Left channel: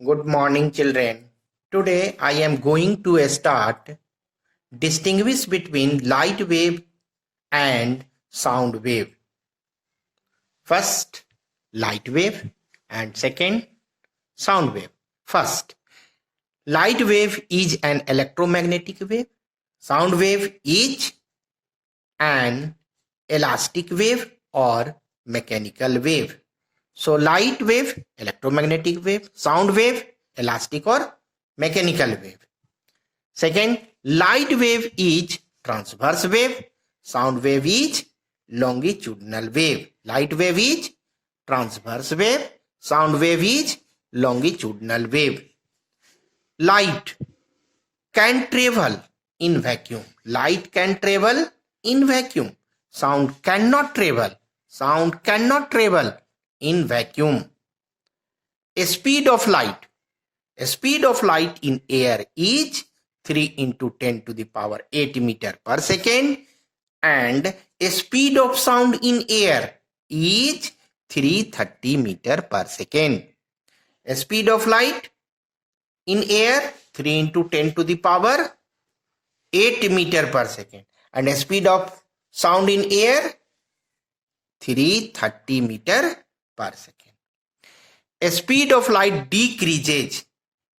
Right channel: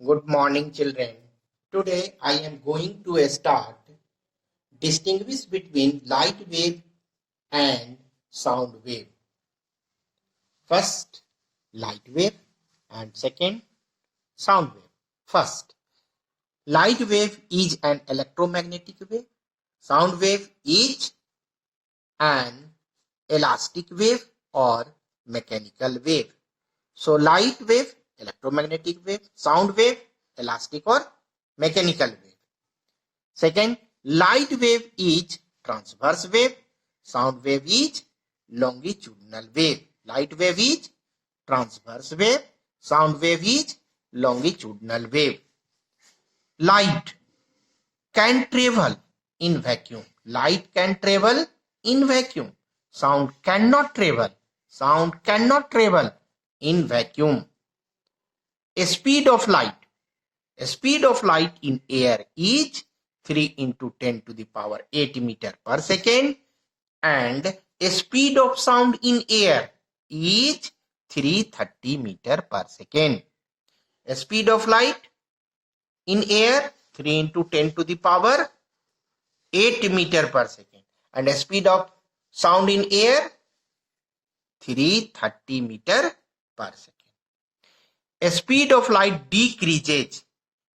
Good morning, children. Today I am going to start distinguish between light wave and sound wave. First, light wave and second, sound wave. First, light wave is an electromagnetic wave. Sound wave is an elastic wave or mechanical wave. So light wave, electromagnetic wave, sound wave, elastic or mechanical wave. Second, light wave is transverse wave, sound wave is longitudinal wave. Light wave is transverse wave, sound wave is longitudinal wave. Light can travel in vacuum. Light can travel in vacuum. Sound cannot travel. Sound cannot travel in vacuum. A speed of light. A speed of light in air is 3 into 10 to the power 8 meter per second, and a speed of sound in air is 330 meter per second. A speed of light in air 3 into 10 to the power 8 meter per second, and a speed of sound in air 330 meter per second. A speed of light decreases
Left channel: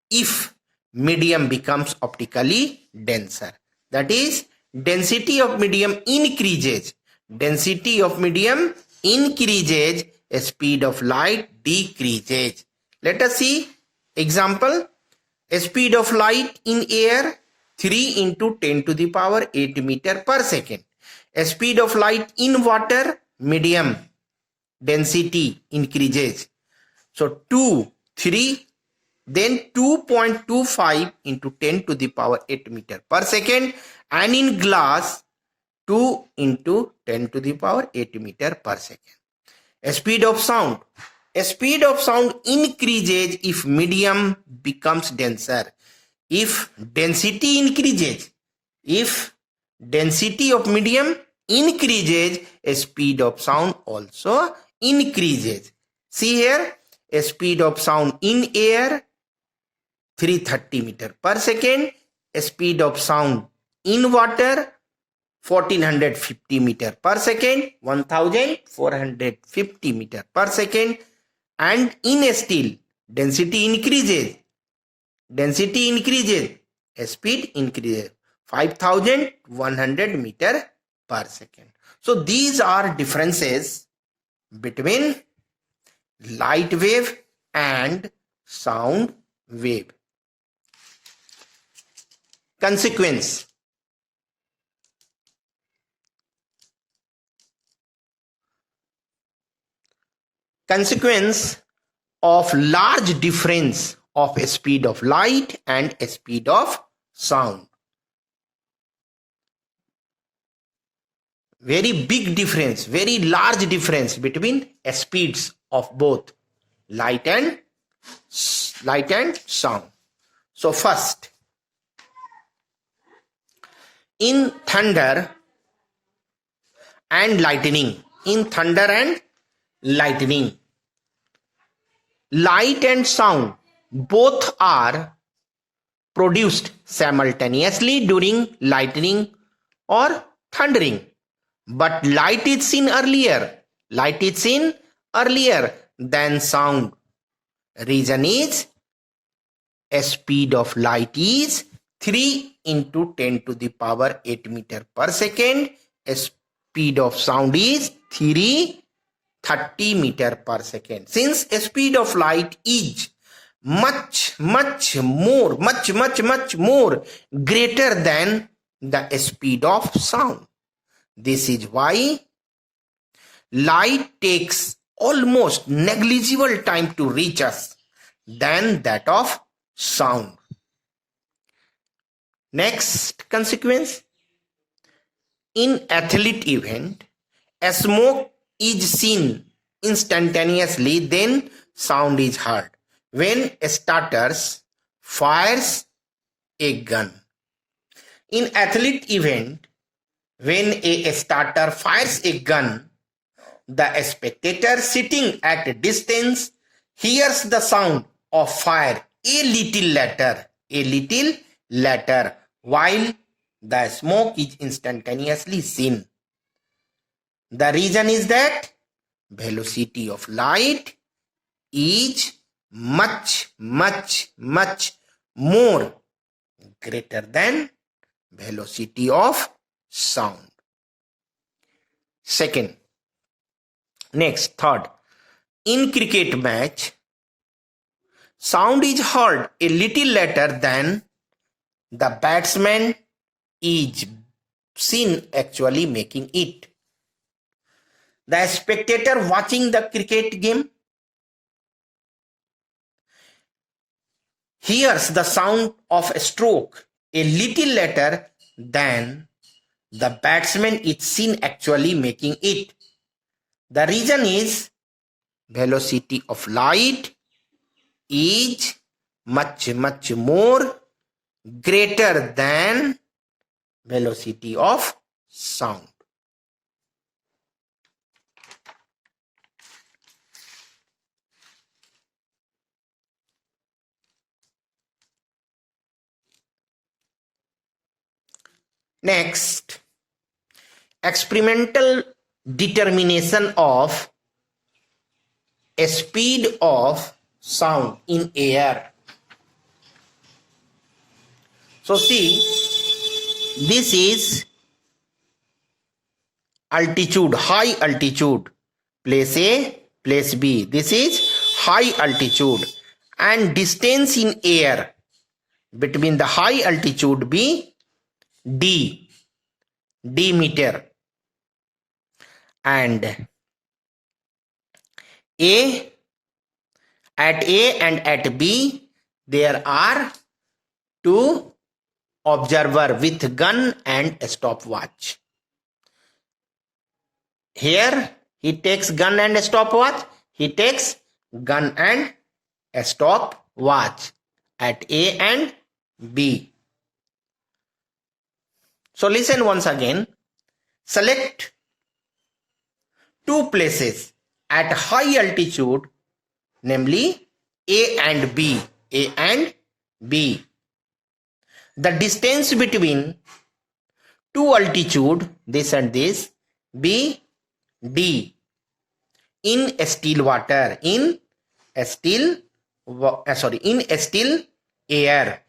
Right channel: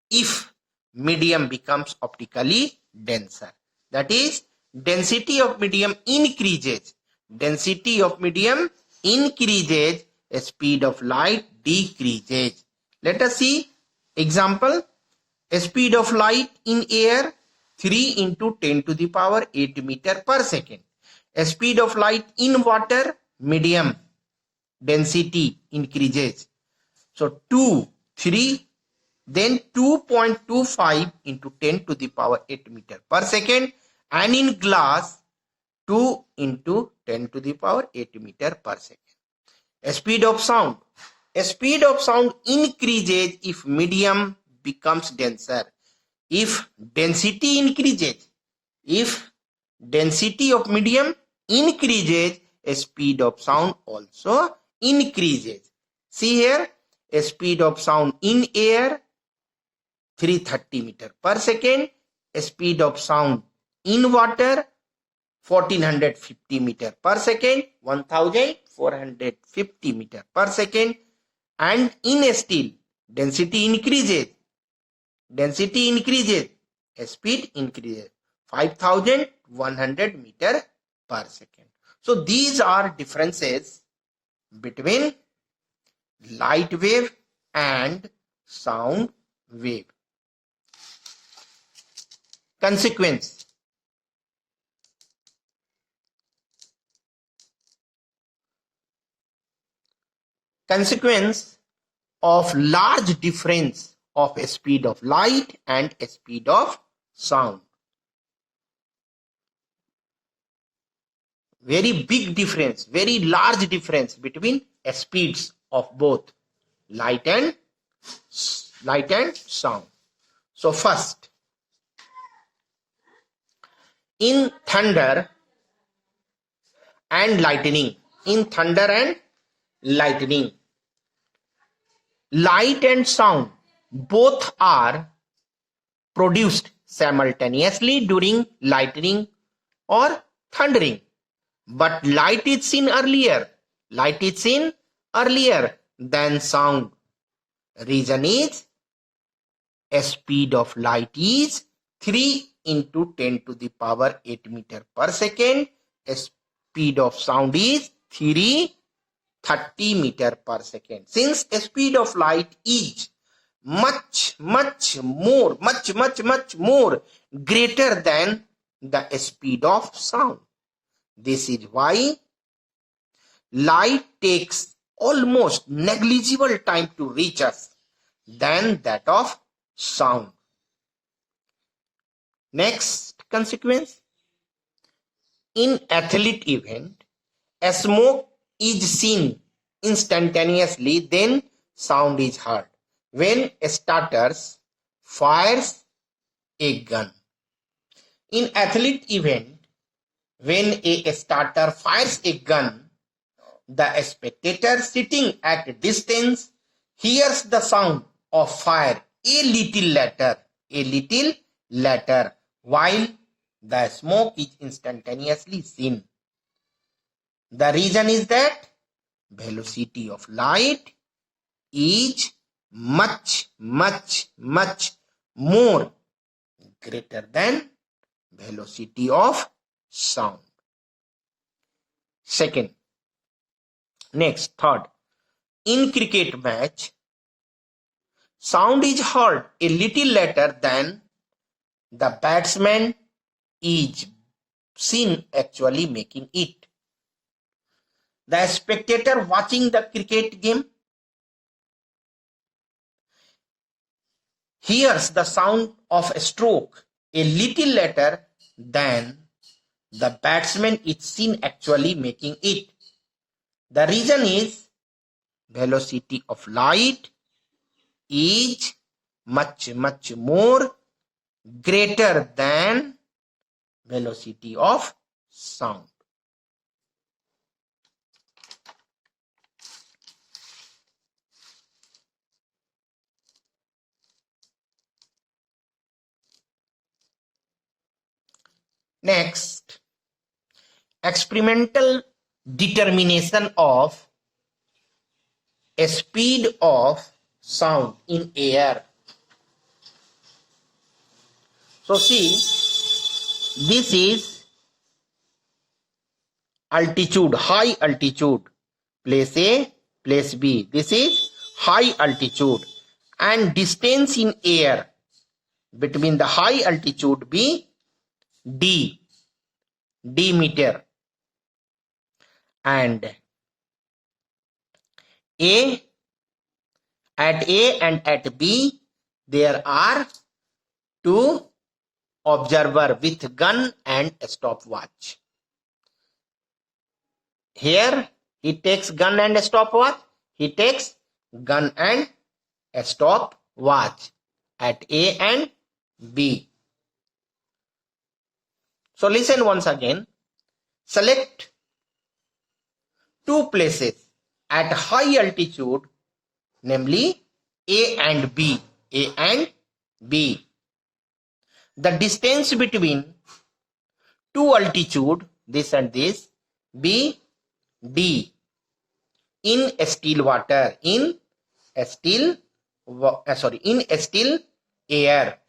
if medium becomes optically denser. That is, density of medium increases. Density of medium increases, a speed of light decreases. Let us see example. A speed of light in air 3 into 10 to the power 8 meter per second. A speed of light in water, medium, density increases. So 2, 3, then 2.25 into 10 to the power 8 meter per second, and in glass 2 into 10 to the power 8 meter per second. A speed of sound. A speed of sound increases if medium becomes denser. If density increases, if density of medium increases, a speed of sound also increases. See here, a speed of sound in air 330 meter per second, a speed of sound in water 1450 meter per second, 1450 meter per second, and in a steel density increases, a speed increases 5100 meter per second. So these are differences between light wave and sound wave. Consequence. Consequence of large difference of a speed of light and a speed of sound. Very big difference, very large difference between speeds of both light and sound. So first, in thunder and lightning, light and sound both are produced simultaneously during lightning or thundering, but light is seen earlier than sound. Reason is, a speed of light is 3 into 10 to the power 8 meter per second. A speed of sound is 330 meter per second. Since a speed of light is much more greater than the speed of sound. This is why light takes almost negligible time to reach us than that of sound. Next consequence. In athlete event, a smoke is seen instantaneously, then sound is heard. When a starter fires a gun. In athlete event, when a starter fires a gun, the spectator sitting at a distance hears the sound of fire a little later, while the smoke is instantaneously seen. The reason is that velocity of light is much more greater than velocity of sound. Second, next, third, in cricket match, sound is heard a little later than the batsman is seen actually making it. The spectator watching the cricket game hears the sound of a stroke a little later than the batsman is seen actually making it. The reason is velocity of light is much more greater than velocity of sound. Next, experimental determination of a speed of sound in air. So see, this is altitude, high altitude, place A, place B. This is high altitude, and distance in air between the high altitude B, D meter, and at A and at B there are two observer with gun and a stopwatch. Here he takes gun and a stopwatch. He takes gun and a stopwatch at A and B. So listen once again. Select two places at high altitude, namely A and B. A and B. The distance between two altitude, this and this, B, D, in a still water, in a still air.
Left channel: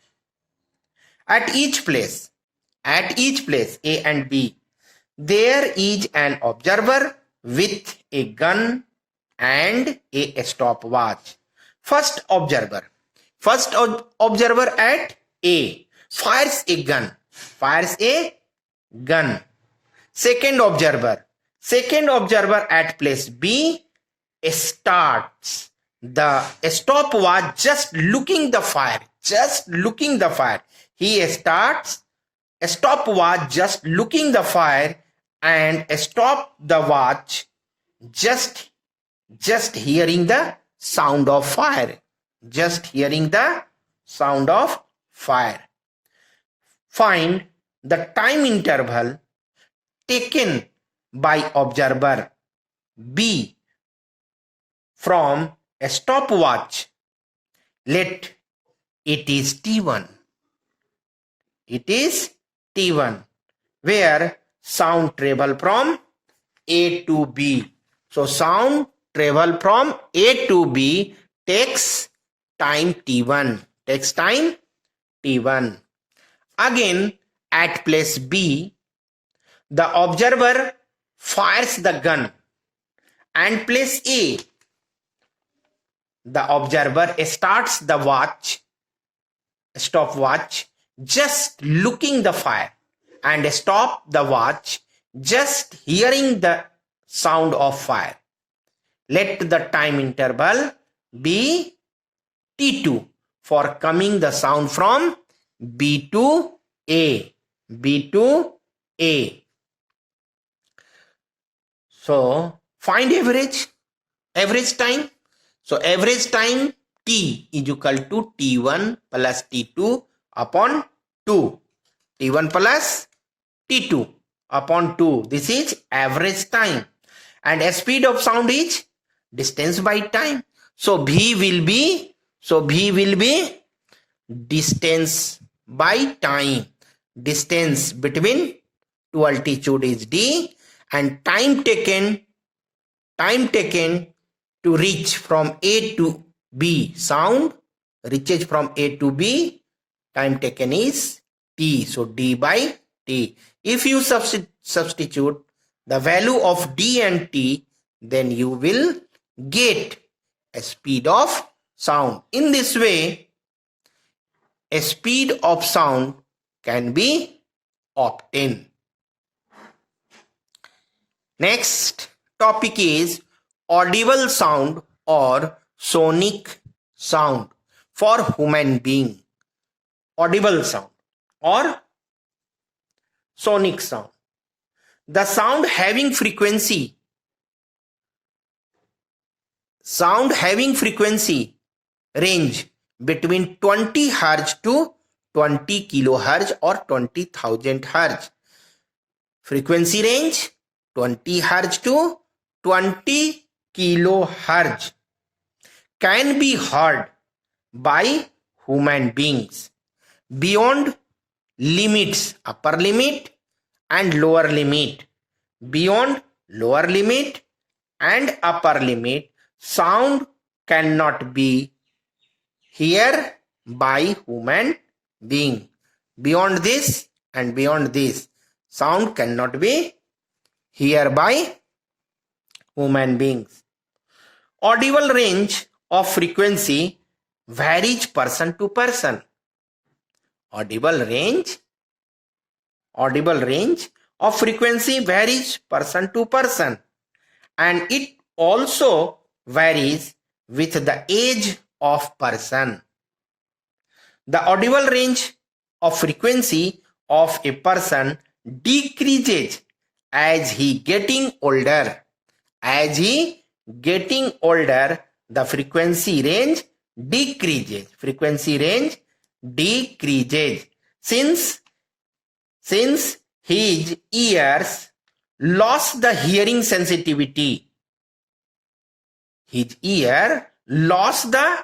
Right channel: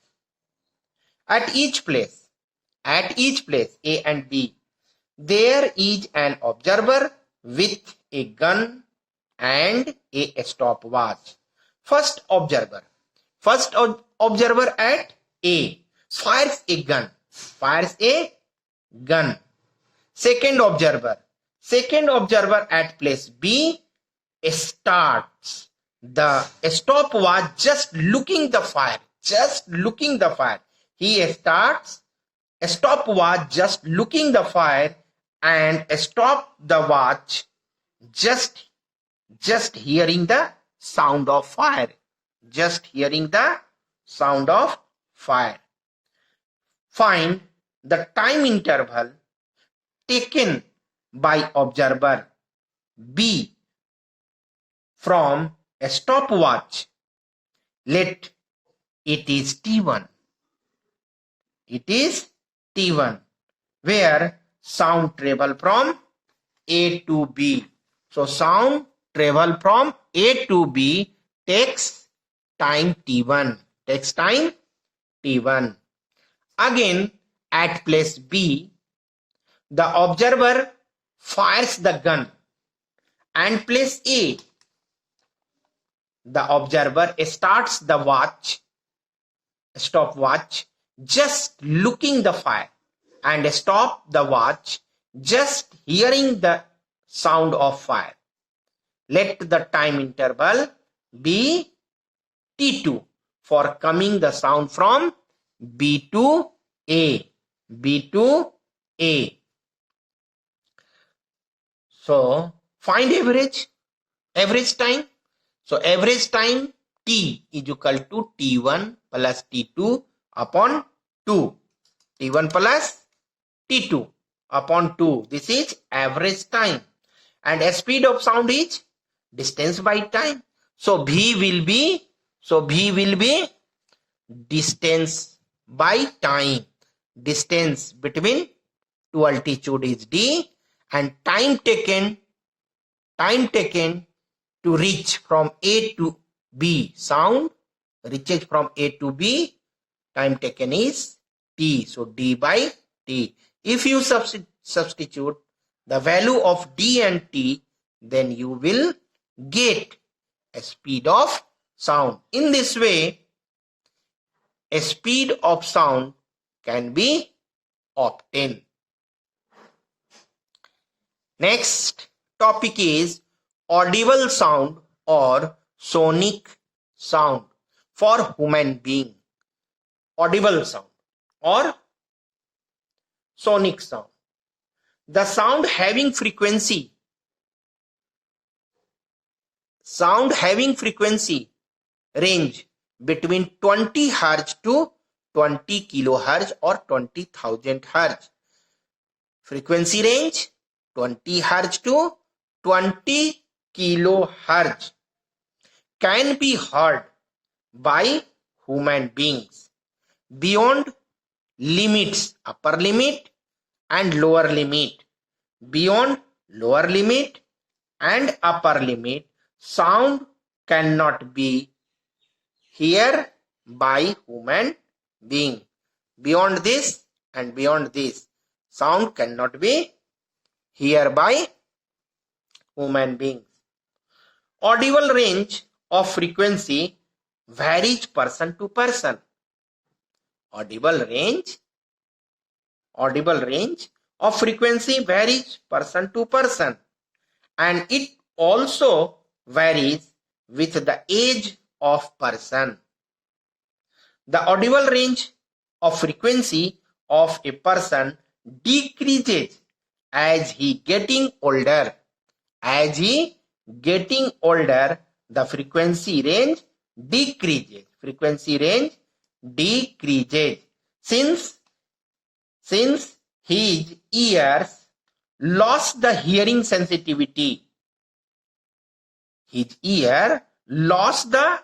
At each place, A and B, there is an observer with a gun and a stopwatch. First observer at A fires a gun. Second observer at place B starts the stopwatch, just looking the fire. He starts a stopwatch just looking the fire and stop the watch just hearing the sound of fire. Find the time interval taken by observer B from a stopwatch. Let it is T1. Where sound travel from A to B. So sound travel from A to B takes time T1. Again, at place B, the observer fires the gun, and place A, the observer starts the stopwatch just looking the fire and stop the watch just hearing the sound of fire. Let the time interval be T2 for coming the sound from B to A. So find average time. So average time T is equal to T1 plus T2 upon 2. T1 plus T2 upon 2. This is average time. And speed of sound is distance by time. So V will be So V will be distance by time. Distance between two altitude is D, and time taken to reach from A to B. Sound reaches from A to B, time taken is T. So D by T. If you substitute the value of D and T, then you will get a speed of sound. In this way, a speed of sound can be obtained. Next topic is audible sound or sonic sound for human being. Audible sound or sonic sound. The sound having frequency range between 20 Hz to 20 kilohertz or 20,000 Hz. Frequency range 20 Hz to 20 kilohertz can be heard by human beings beyond limits, upper limit and lower limit. Beyond lower limit and upper limit, sound cannot be heard by human being. Beyond this and beyond this, sound cannot be heard by human beings. Audible range of frequency varies person to person. Audible range of frequency varies person to person, and it also varies with the age of person. The audible range of frequency of a person decreases as he getting older. As he getting older, the frequency range decreases. Since his ears lost the hearing sensitivity. His ear lost the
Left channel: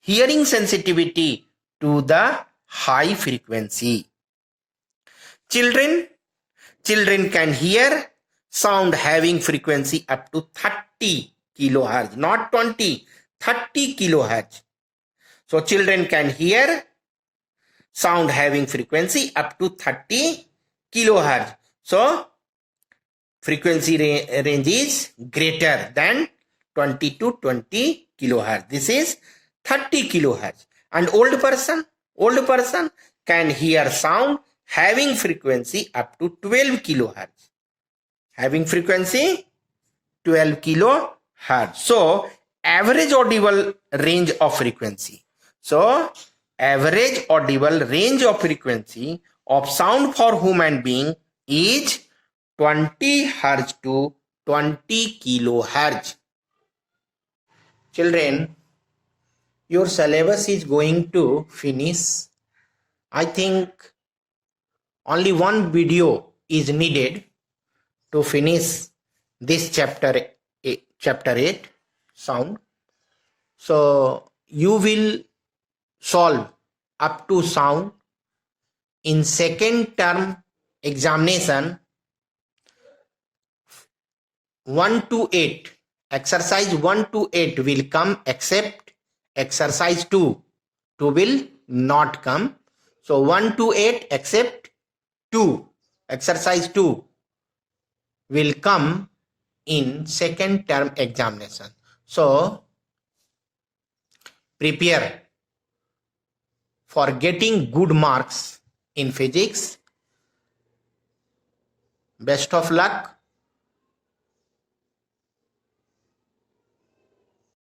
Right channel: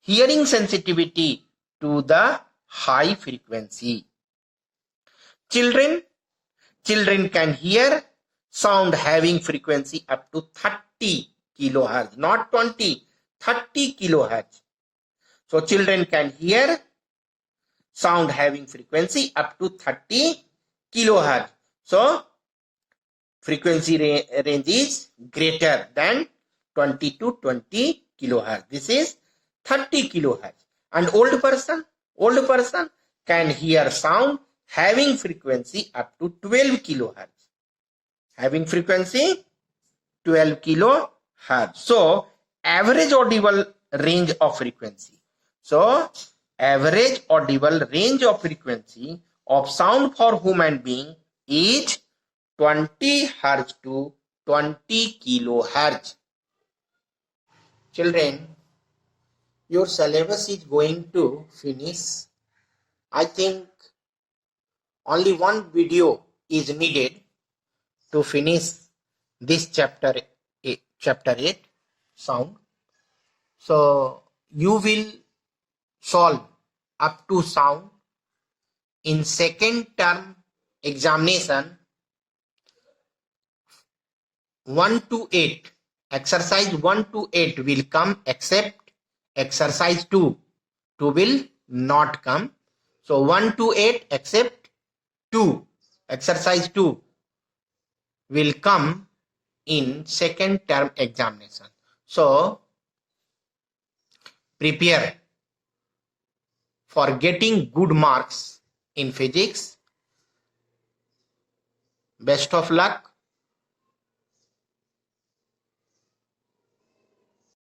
hearing sensitivity to the high frequency. Children can hear sound having frequency up to 30 kilohertz, not 20, 30 kilohertz. So children can hear sound having frequency up to 30 kilohertz. So frequency range is greater than 20 to 20 kilohertz. This is 30 kilohertz. And old person can hear sound having frequency up to 12 kilohertz. Having frequency 12 kilohertz. So average audible range of frequency. So average audible range of frequency of sound for human being is 20 Hz to 20 kilohertz. Children, your syllabus is going to finish. I think only one video is needed to finish this chapter 8 sound. So you will solve up to sound in second term examination 1 to 8. Exercise 1 to 8 will come, except exercise 2 will not come. So 1 to 8 except 2, exercise 2 will come in second term examination. So prepare for getting good marks in physics. Best of luck.